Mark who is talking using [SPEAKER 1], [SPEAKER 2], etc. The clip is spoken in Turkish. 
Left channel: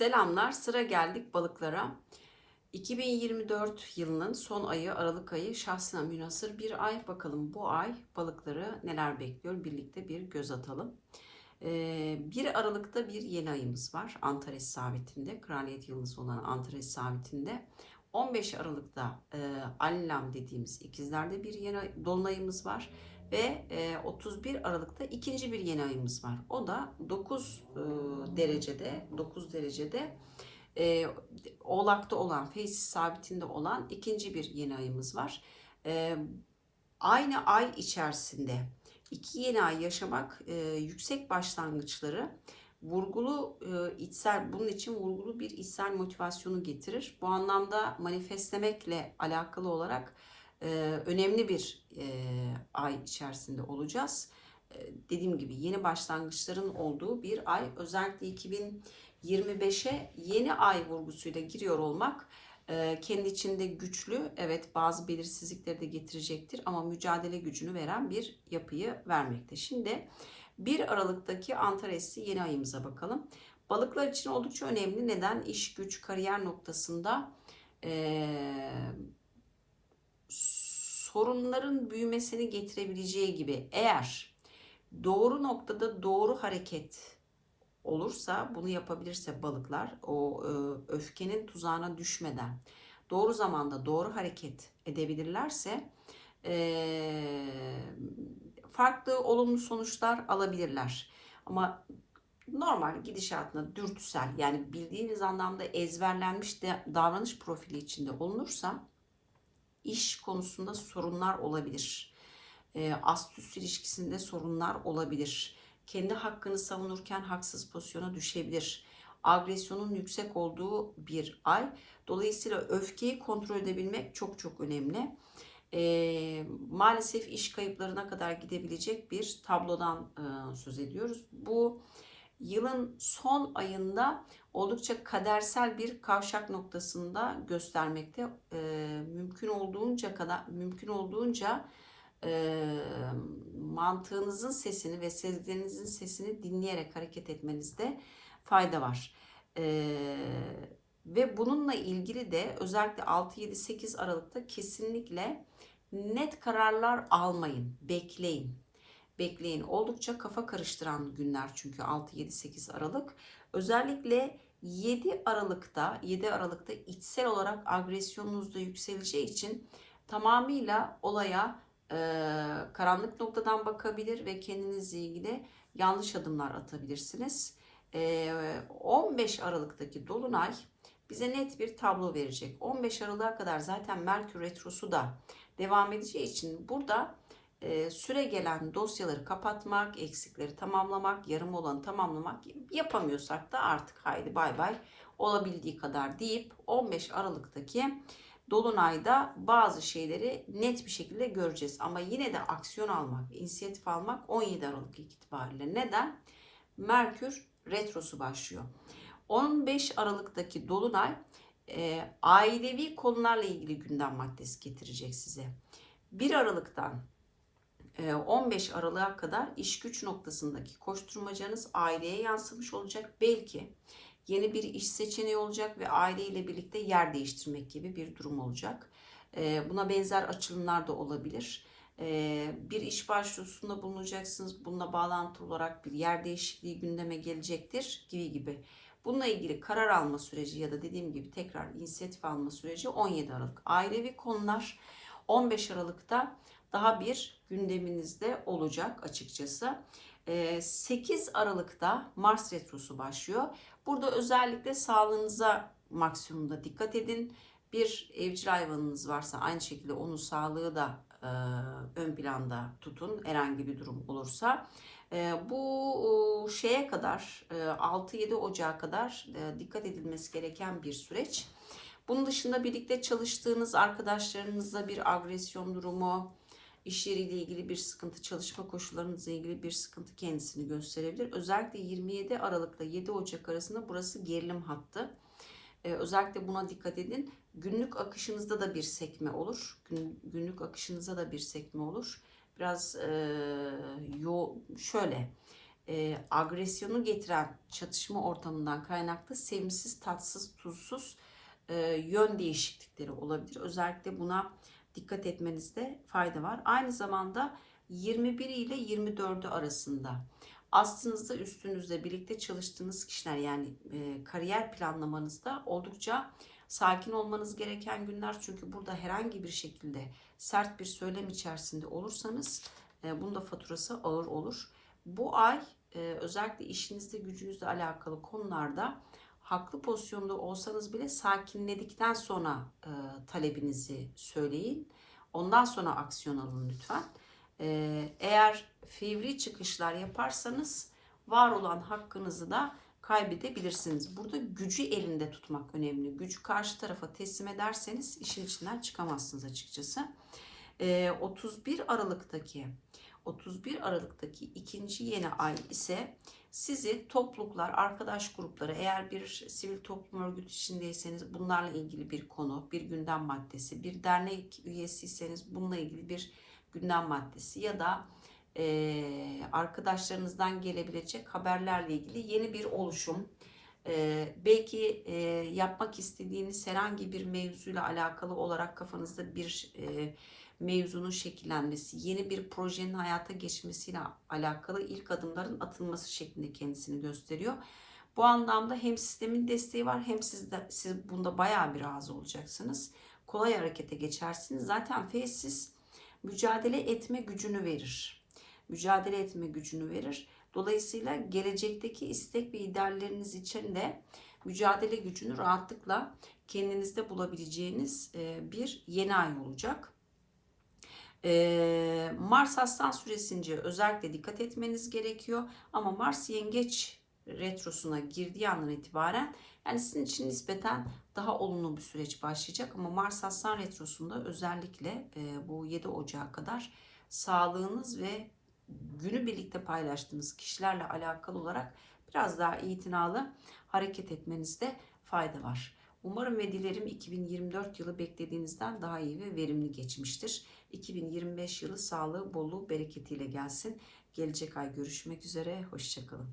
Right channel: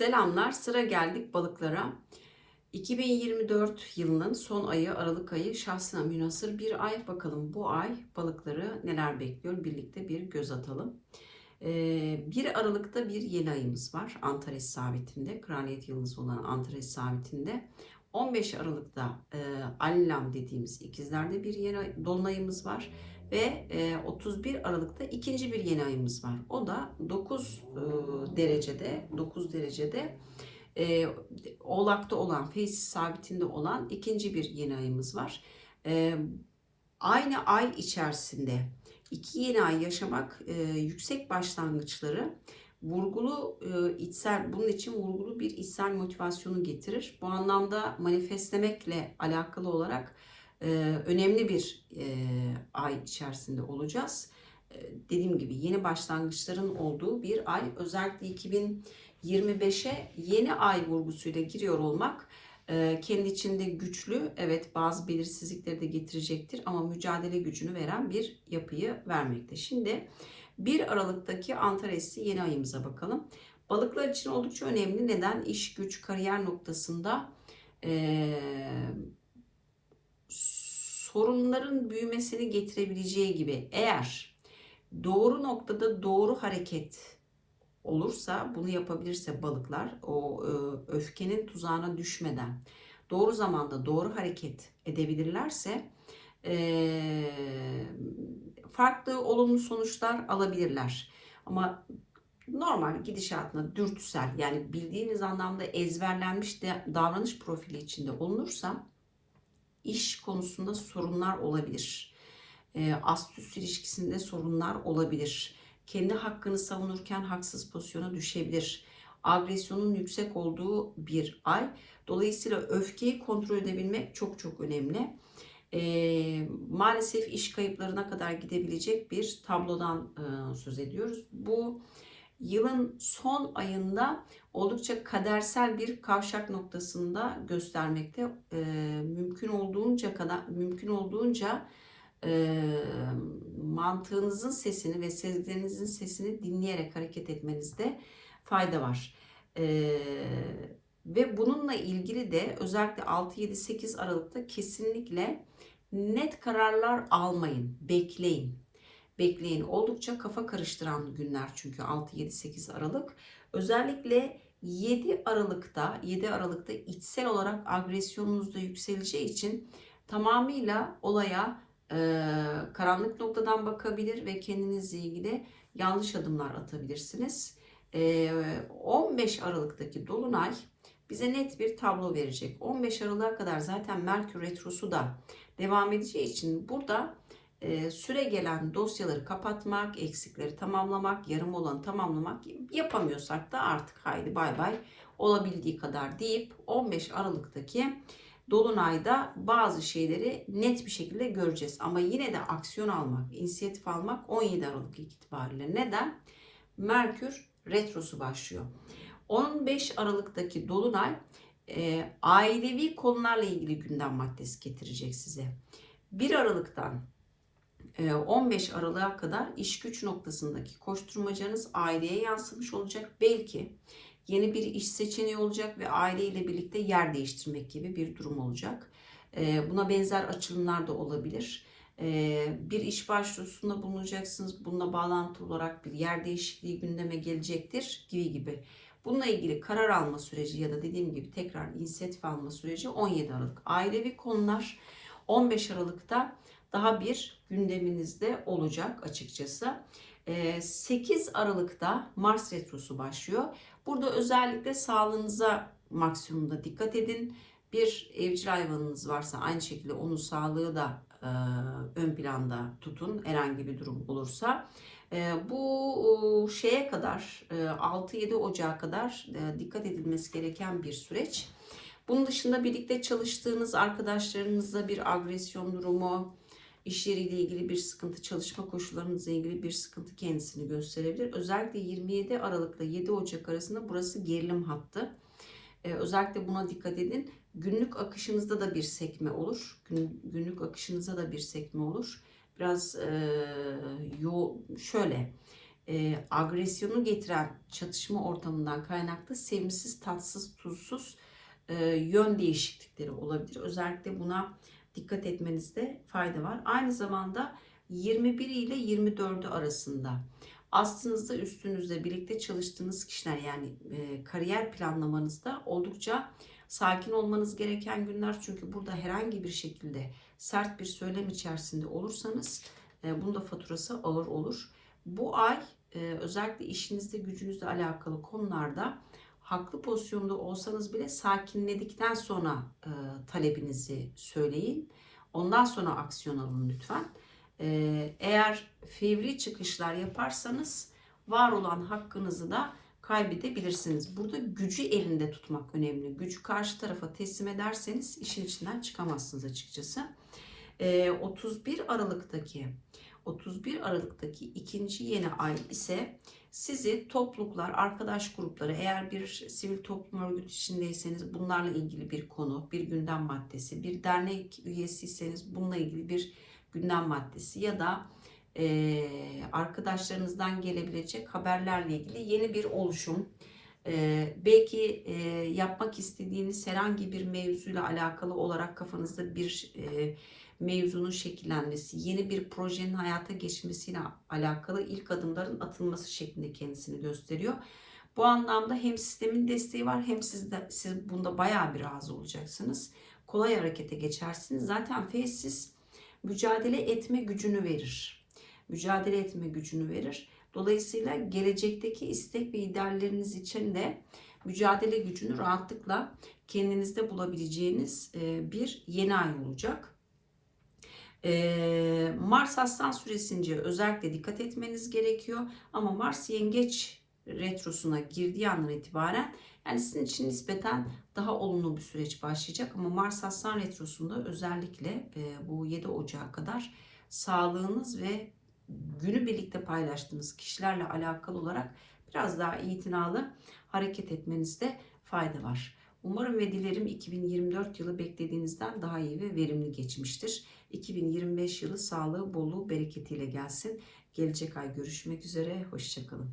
[SPEAKER 1] Selamlar. Sıra geldik balıklara. 2024 yılının son ayı Aralık ayı şahsına münasır bir ay. Bakalım bu ay balıkları neler bekliyor? Birlikte bir göz atalım. Ee, 1 Aralık'ta bir yeni ayımız var. Antares sabitinde. Kraliyet yıldızı olan Antares sabitinde. 15 Aralık'ta e, Allam dediğimiz ikizlerde bir yeni ay- dolunayımız var. Ve e, 31 Aralık'ta ikinci bir yeni ayımız var. O da 9 e, derecede 9 derecede e, Oğlak'ta olan, Feyz sabitinde olan ikinci bir yeni ayımız var. E, aynı ay içerisinde iki yeni ay yaşamak e, yüksek başlangıçları vurgulu e, içsel bunun için vurgulu bir içsel motivasyonu getirir. Bu anlamda manifestlemekle alakalı olarak e, önemli bir e, ay içerisinde olacağız. E, dediğim gibi yeni başlangıçların olduğu bir ay. Özellikle 2025'e yeni ay vurgusuyla giriyor olmak e, kendi içinde güçlü, evet bazı belirsizlikleri de getirecektir ama mücadele gücünü veren bir yapıyı vermekte. Şimdi 1 Aralık'taki Antares'i yeni ayımıza bakalım. Balıklar için oldukça önemli. Neden? İş, güç, kariyer noktasında eee sorunların büyümesini getirebileceği gibi eğer doğru noktada doğru hareket olursa bunu yapabilirse balıklar o e, öfkenin tuzağına düşmeden doğru zamanda doğru hareket edebilirlerse e, farklı olumlu sonuçlar alabilirler. Ama normal gidişatına dürtüsel yani bildiğiniz anlamda ezberlenmiş de davranış profili içinde olunursa iş konusunda sorunlar olabilir. E, ast ilişkisinde sorunlar olabilir. Kendi hakkını savunurken haksız pozisyona düşebilir. Agresyonun yüksek olduğu bir ay. Dolayısıyla öfkeyi kontrol edebilmek çok çok önemli. E, maalesef iş kayıplarına kadar gidebilecek bir tablodan e, söz ediyoruz. Bu yılın son ayında oldukça kadersel bir kavşak noktasında göstermekte. E, mümkün olduğunca kadar mümkün olduğunca e, mantığınızın sesini ve sezgilerinizin sesini dinleyerek hareket etmenizde fayda var. E, ve bununla ilgili de özellikle 6-7-8 Aralık'ta kesinlikle net kararlar almayın, bekleyin. Bekleyin. Oldukça kafa karıştıran günler çünkü 6-7-8 Aralık. Özellikle 7 Aralık'ta 7 Aralık'ta içsel olarak agresyonunuz da yükseleceği için tamamıyla olaya e, karanlık noktadan bakabilir ve kendinizle ilgili yanlış adımlar atabilirsiniz. E, 15 Aralık'taki dolunay bize net bir tablo verecek. 15 Aralık'a kadar zaten Merkür retrosu da devam edeceği için burada e, süre gelen dosyaları kapatmak, eksikleri tamamlamak, yarım olanı tamamlamak yapamıyorsak da artık haydi bay bay olabildiği kadar deyip 15 Aralık'taki Dolunay'da bazı şeyleri net bir şekilde göreceğiz. Ama yine de aksiyon almak, inisiyatif almak 17 Aralık itibariyle. Neden? Merkür retrosu başlıyor. 15 Aralık'taki Dolunay e, ailevi konularla ilgili gündem maddesi getirecek size. 1 Aralık'tan 15 Aralık'a kadar iş güç noktasındaki koşturmacanız aileye yansımış olacak. Belki yeni bir iş seçeneği olacak ve aileyle birlikte yer değiştirmek gibi bir durum olacak. Buna benzer açılımlar da olabilir. Bir iş başvurusunda bulunacaksınız. Bununla bağlantılı olarak bir yer değişikliği gündeme gelecektir gibi gibi. Bununla ilgili karar alma süreci ya da dediğim gibi tekrar inisiyatif alma süreci 17 Aralık. Ailevi konular 15 Aralık'ta daha bir gündeminizde olacak açıkçası. 8 Aralık'ta Mars Retrosu başlıyor. Burada özellikle sağlığınıza maksimumda dikkat edin. Bir evcil hayvanınız varsa aynı şekilde onun sağlığı da ön planda tutun herhangi bir durum olursa. Bu şeye kadar 6-7 Ocağı kadar dikkat edilmesi gereken bir süreç. Bunun dışında birlikte çalıştığınız arkadaşlarınızla bir agresyon durumu, iş yeriyle ilgili bir sıkıntı, çalışma koşullarınızla ilgili bir sıkıntı kendisini gösterebilir. Özellikle 27 Aralık'la 7 Ocak arasında burası gerilim hattı. Ee, özellikle buna dikkat edin. Günlük akışınızda da bir sekme olur. Gün, günlük akışınıza da bir sekme olur. Biraz e, yo, şöyle e, agresyonu getiren çatışma ortamından kaynaklı sevimsiz, tatsız, tuzsuz e, yön değişiklikleri olabilir. Özellikle buna dikkat etmenizde fayda var. Aynı zamanda 21 ile 24'ü arasında aslınızda üstünüzde birlikte çalıştığınız kişiler yani e, kariyer planlamanızda oldukça sakin olmanız gereken günler. Çünkü burada herhangi bir şekilde sert bir söylem içerisinde olursanız e, bunun da faturası ağır olur. Bu ay e, özellikle işinizde gücünüzle alakalı konularda haklı pozisyonda olsanız bile sakinledikten sonra e, talebinizi söyleyin. Ondan sonra aksiyon alın lütfen. E, eğer fevri çıkışlar yaparsanız var olan hakkınızı da kaybedebilirsiniz. Burada gücü elinde tutmak önemli. Gücü karşı tarafa teslim ederseniz işin içinden çıkamazsınız açıkçası. E, 31 Aralık'taki 31 Aralık'taki ikinci yeni ay ise sizi topluluklar, arkadaş grupları eğer bir sivil toplum örgütü içindeyseniz bunlarla ilgili bir konu, bir gündem maddesi, bir dernek üyesiyseniz bununla ilgili bir gündem maddesi ya da e, arkadaşlarınızdan gelebilecek haberlerle ilgili yeni bir oluşum, e, belki e, yapmak istediğiniz herhangi bir mevzuyla alakalı olarak kafanızda bir e, mevzunun şekillenmesi, yeni bir projenin hayata geçmesiyle alakalı ilk adımların atılması şeklinde kendisini gösteriyor. Bu anlamda hem sistemin desteği var hem siz de siz bunda bayağı bir razı olacaksınız. Kolay harekete geçersiniz. Zaten siz mücadele etme gücünü verir. Mücadele etme gücünü verir. Dolayısıyla gelecekteki istek ve idealleriniz için de mücadele gücünü rahatlıkla kendinizde bulabileceğiniz bir yeni ay olacak. Ee, Mars Aslan süresince özellikle dikkat etmeniz gerekiyor. Ama Mars Yengeç retrosuna girdiği andan itibaren yani sizin için nispeten daha olumlu bir süreç başlayacak. Ama Mars Aslan retrosunda özellikle bu 7 Ocağı kadar sağlığınız ve günü birlikte paylaştığınız kişilerle alakalı olarak biraz daha itinalı hareket etmenizde fayda var. Umarım ve dilerim 2024 yılı beklediğinizden daha iyi ve verimli geçmiştir. 2025 yılı sağlığı, bolluğu, bereketiyle gelsin. Gelecek ay görüşmek üzere. Hoşçakalın.